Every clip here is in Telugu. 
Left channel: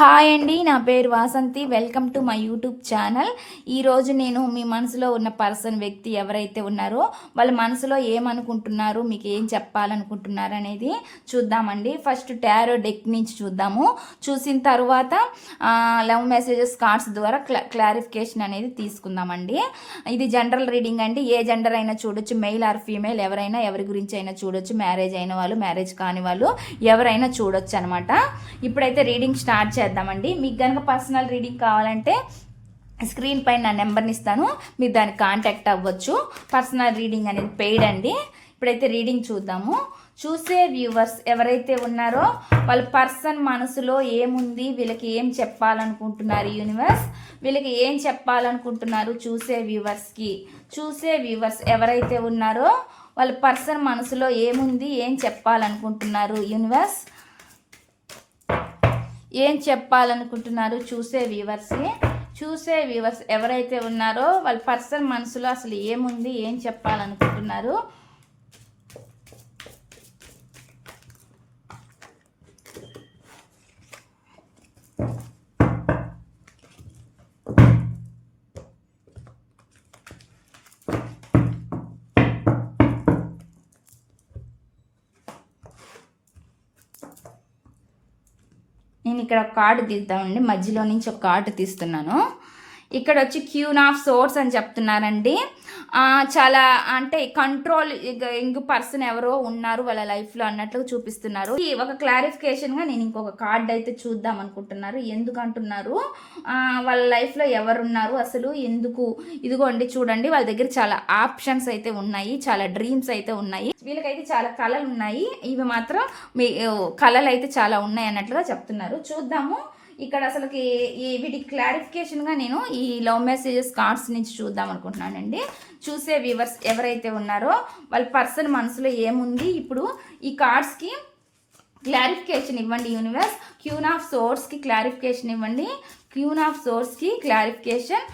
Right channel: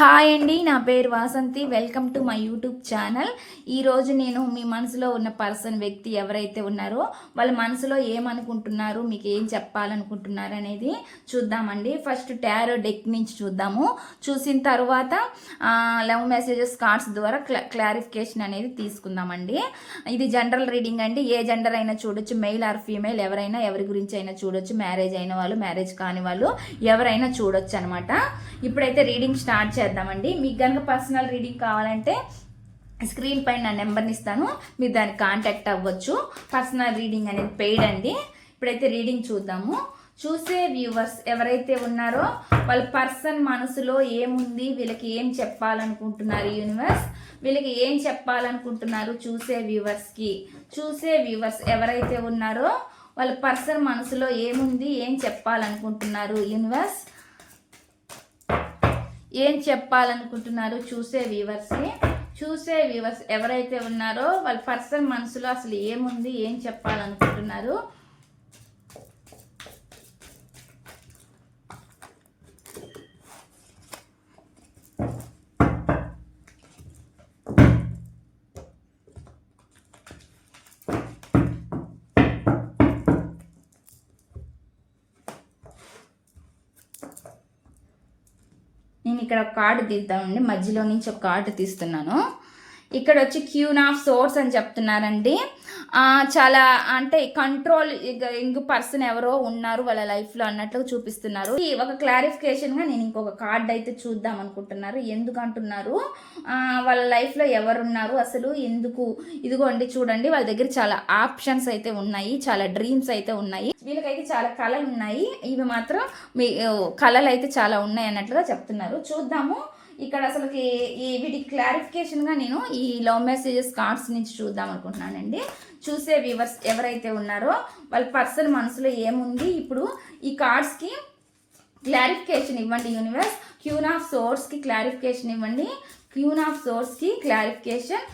హాయ్ అండి, నా పేరు Vasanthi. Welcome to my YouTube channel. ఈరోజు నేను మీ మనసులో ఉన్న వ్యక్తి ఎవరైతే ఉన్నారో వాళ్ళ మనసులో ఏమనుకుంటున్నారు, మీకు ఏం చెప్పాలనుకుంటున్నారు అనేది చూద్దామండి. ఫస్ట్ టారో డెక్ నుంచి చూద్దాము. చూసిన తర్వాత లవ్ మెసేజెస్ కార్డ్స్ ద్వారా క్లారిఫికేషన్ అనేది తీసుకుందామండి. ఇది జనరల్ రీడింగ్ అండి. ఏ జెండర్ అయినా చూడొచ్చు, మెయిల్ ఆర్ ఫీమేల్, ఎవరైనా ఎవరి గురించి అయినా చూడొచ్చు. మ్యారేజ్ అయిన వాళ్ళు, మ్యారేజ్ కాని వాళ్ళు ఎవరైనా చూడొచ్చు అనమాట. ఇప్పుడైతే రీడింగ్ స్టార్ట్ చేద్దామండి. మీకు కనుక పర్సనల్ రీడింగ్ కావాలంటే స్క్రీన్ పైన నా నెంబర్ని ఇస్తాను, మీరు దానికి కాంటాక్ట్ అవ్వచ్చు. పర్సనల్ రీడింగ్ అనేది పెయిడ్ అండి. ఇప్పుడైతే రీడింగ్ చూద్దాము. చూసే వ్యూవర్స్ ఎవరైతే ఉన్నారో వాళ్ళ పర్సన్ మనసులో ఏముంది, వీళ్ళకి ఏం చెప్పాలనుకుంటున్నారు యూనివర్స్, వీళ్ళకి ఏం చెప్పాలనుకుంటున్నారు చూసే వ్యూవర్స్ ఎవరైతే ఉన్నారో వాళ్ళ పర్సన్ మనసులో ఏముంది, ఏం చెప్పాలనుకుంటున్నారు యూనివర్స్, ఏం చెప్పాలనుకుంటున్నారు చూసే వ్యూవర్స్ ఎవరైతే ఉన్నారో వాళ్ళ పర్సన్ మనసులో అసలు ఏముంది, ఏం చెప్పాలనుకుంటున్నారు. నేను ఇక్కడ కార్డు తీద్దామండి, మధ్యలో నుంచి ఒక కార్డు తీస్తున్నాను. ఇక్కడ వచ్చి క్యూన్ ఆఫ్ సోర్స్ అని చెప్తున్నారండి. చాలా అంటే కంట్రోల్ ఇంక పర్సన్ ఎవరో ఉన్నారు వాళ్ళ లైఫ్లో అన్నట్లు చూపిస్తున్నారు. ఒక క్లారిఫికేషన్గా నేను ఇంకొక కార్డ్ అయితే చూద్దాం అనుకుంటున్నారు. ఎందుకు అంటున్నారు, వాళ్ళ లైఫ్లో ఎవరున్నారు అసలు, ఎందుకు. ఇదిగోండి చూడండి, వాళ్ళ దగ్గర చాలా ఆప్షన్స్ అయితే ఉన్నాయి, చాలా డ్రీమ్స్ అయితే ఉన్నాయి, వీళ్ళకైతే చాలా కళలు ఉన్నాయి. ఇవి మాత్రం మీ కళలు అయితే చాలా ఉన్నాయి అన్నట్లుగా చెప్తున్నారు. చూద్దాము ఇక్కడ అసలుకి వీటికి క్లారిఫికేషన్గా నేను ఈ లవ్ మెసేజెస్ కార్డ్స్ నుంచి చూద్దాం అనుకుంటున్నానండి. చూసే వ్యూవర్స్ ఎవరైతే ఉన్నారో వాళ్ళ పర్సన్ మనసులో ఏముంది, ఇప్పుడు ఈ కార్డ్స్కి క్లారిఫికేషన్ ఇవ్వండి యూనివర్స్. క్యూన్ ఆఫ్ సోర్స్కి క్లారిఫికేషన్ ఇవ్వండి, క్యూన్ ఆఫ్ సోర్స్కి క్లారిఫికేషన్.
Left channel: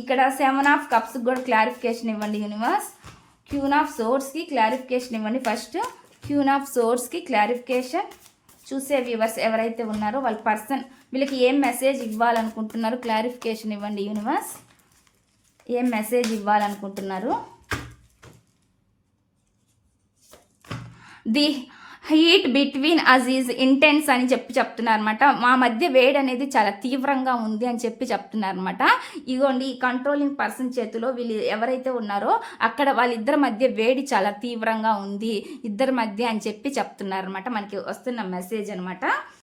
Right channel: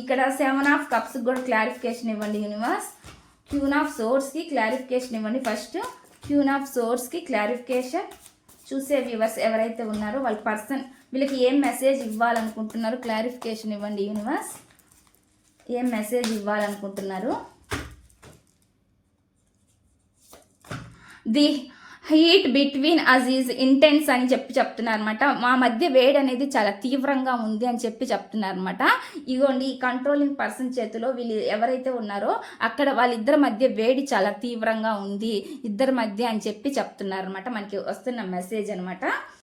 ఇక్కడ 7 ఆఫ్ కప్స్కి కూడా క్లారిఫికేషన్ ఇవ్వండి యూనివర్స్. క్యూన్ ఆఫ్ సోర్స్కి క్లారిఫికేషన్ ఇవ్వండి. ఫస్ట్ క్యూన్ ఆఫ్ సోర్స్కి క్లారిఫికేషన్. చూసే వ్యూవర్స్ ఎవరైతే ఉన్నారో వాళ్ళ పర్సన్ వీళ్ళకి ఏం మెసేజ్ ఇవ్వాలనుకుంటున్నారు, క్లారిఫికేషన్ ఇవ్వండి యూనివర్స్. ఏం మెసేజ్ ఇవ్వాలనుకుంటున్నారు. The heat between us is intense అని చెప్తున్నారు అనమాట. మా మధ్య వేడి అనేది చాలా తీవ్రంగా ఉంది అని చెప్తున్నారు అనమాట. ఇగోండి ఈ కంట్రోలింగ్ పర్సన్ చేతిలో వీళ్ళు ఎవరైతే ఉన్నారో అక్కడ వాళ్ళిద్దరి మధ్య వేడి చాలా తీవ్రంగా ఉంది ఇద్దరి మధ్య అని చెప్తున్నారు అనమాట. మనకి వస్తున్న మెసేజ్ అనమాట.